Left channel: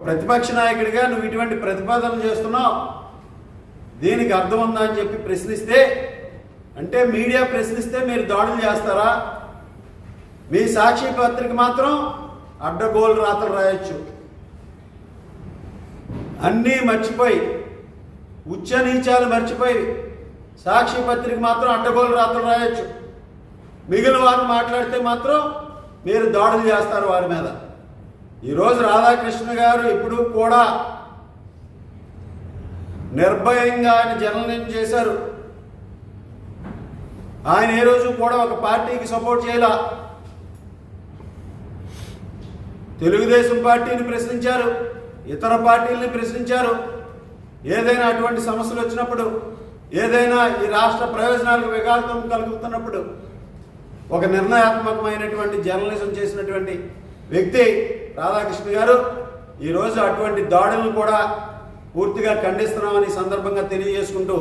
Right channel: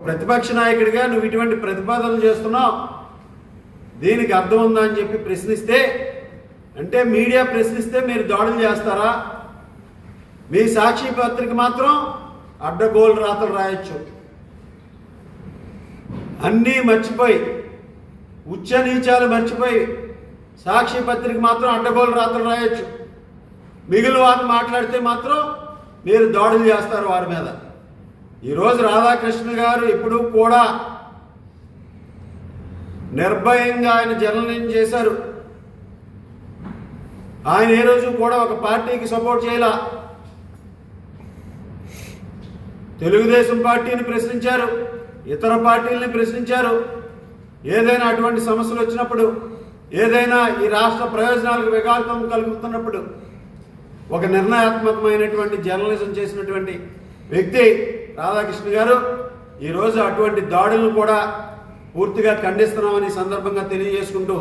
ప్రతిపక్ష నాయకుడిగా నువ్వు ఇటువంటి ప్రతిపాదనలు చేస్తున్నావు, దీనికి అర్థం ఉందా అని చెప్పి ప్రశ్నిస్తే, అంటే మీడియా ప్రశ్నిస్తే మీరు దాడులు చేస్తారా? మీ సాక్షి పత్రిక మాత్రం అడ్డగోలు రాతలు రాయొచ్చు, అన్నీ మర్చిపోయి ఉచ్చ నీచాలు మర్చిపోయి సాక్షి పత్రిక మాత్రం అడ్డగోలు రాతలు రాయొచ్చు. మిగిలిన వారిని మాట్లాడితే మాత్రం మీరు దాడులు చేస్తారు వారి మీద. ఈరోజు రాధాకృష్ణ గారు ఇప్పుడు కూడా నిర్భయంగా ఆయన జర్నలిజం చేశారు. ఆయన ఏ రోజు కూడా ఒక పార్టీకి సపోర్ట్ చేయాల. తెలుగుదేశం పార్టీని ప్రశ్నించారు, ఇతర పార్టీలని ప్రశ్నించారు. ఏదైనా అటువంటి సమస్యలు వచ్చినప్పుడు, ఏదైనా ఈ రాష్ట్ర ప్రయోజనాలకు విఘాతం కలుగుతున్నప్పుడు ఒక నిర్ణయాత్మకమైనటువంటి జర్నలిజం చేసినటువంటి వ్యక్తి రాధాకృష్ణ గారు. ఈరోజు అటువంటి దాడులను కూడా పూర్తిగా ఖండిస్తున్నామని సందర్భంగా తెలియజేసుకుంటూ